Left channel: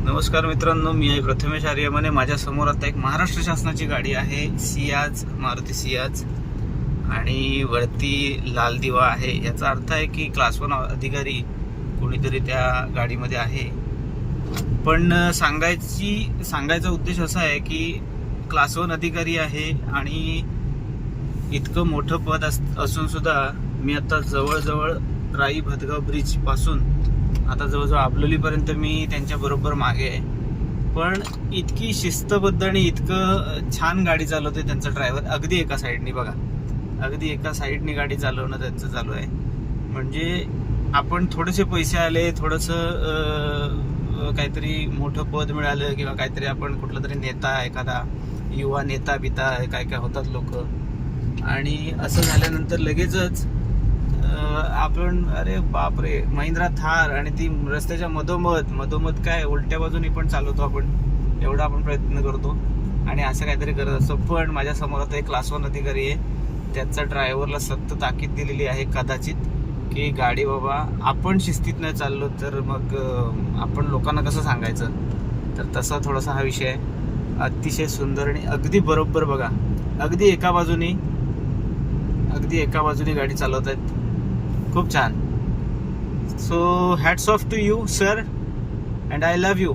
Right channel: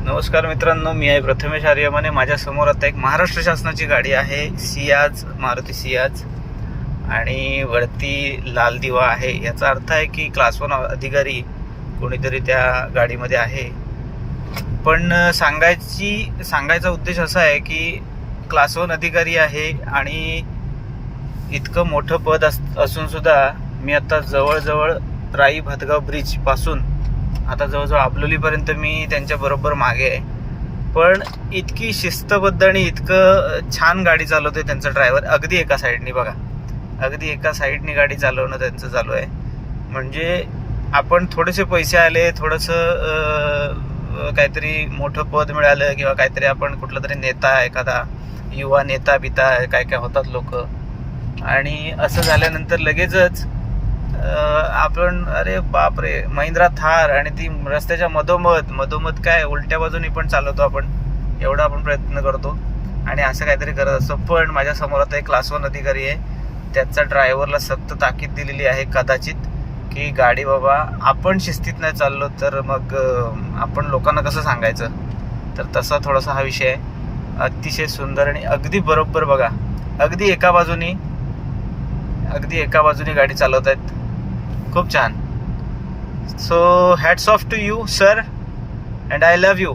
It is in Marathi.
नमस्कार मित्रांनो, मी आहे प्रथमेश आर्यमाने. माझ्या समोर आता एक महाराष्ट्र शासनाची गाडी आहे, सियाज, मारुती सियाज, आणि वरती लाल दिवा आहे. याचा अर्थ आहे की क्लास 1 अधिकारी कोणीतरी त्या गाडीमध्ये आहे. पण सांगायचा उद्देश असा आहे की क्लास 1 अधिकारी आहे आणि इतकं मोठं पद असून सुद्धा मी आता जवळजवळ राई भातगाव ब्रिज पासून आता जवळजवळ आबलोलीपर्यंत मी त्यांच्या बरोबर मागे आहे. पण इतकी शिस्तबद्ध आणि इतकं छान गाडी चालवते त्यांचा ड्रायव्हर. अगदी एका साईडनी बघा, अगदी एका साईडनी गाडी चालवणं त्यांचं चालू आहे. म्हणजे आपण थोडेसे पैसे आले, थोडंसं काहीतरी मोठं पद मिळालं किंवा काहीतरी आपण कुठला तरी नेता, एखादा युवा नेता बिता काय काय होतात लोक, आणि असं झाल्यानंतर लगेचच आपण अरे बाप रे, महिंद्रा थार, आणि ती रस्त्याच्या मधोमध काय उलट्या बाजूनी पण चालवतो आपण, एवढा आपण प्रयत्न करतो आणि असं काहीतरी करत असतो. पण माझ्या समोर आता एक क्लास 1 अधिकारी आहे, त्याचा ड्रायव्हरला सक्त ताकीद दिलेली आहे कदाचित की गाडी बाबा आपण शिस्तीत नाही चाललो तर मग आपण लोकांना कसं सांगायचं. तर तसा थोडासा हा विषय आहे. अतिशय सुंदर आणि अगदी बरोबर बघा, अगदी एका बाजूनी गाडी चालवत आहेत. खूप छान. So hats off to you sir, and I love you.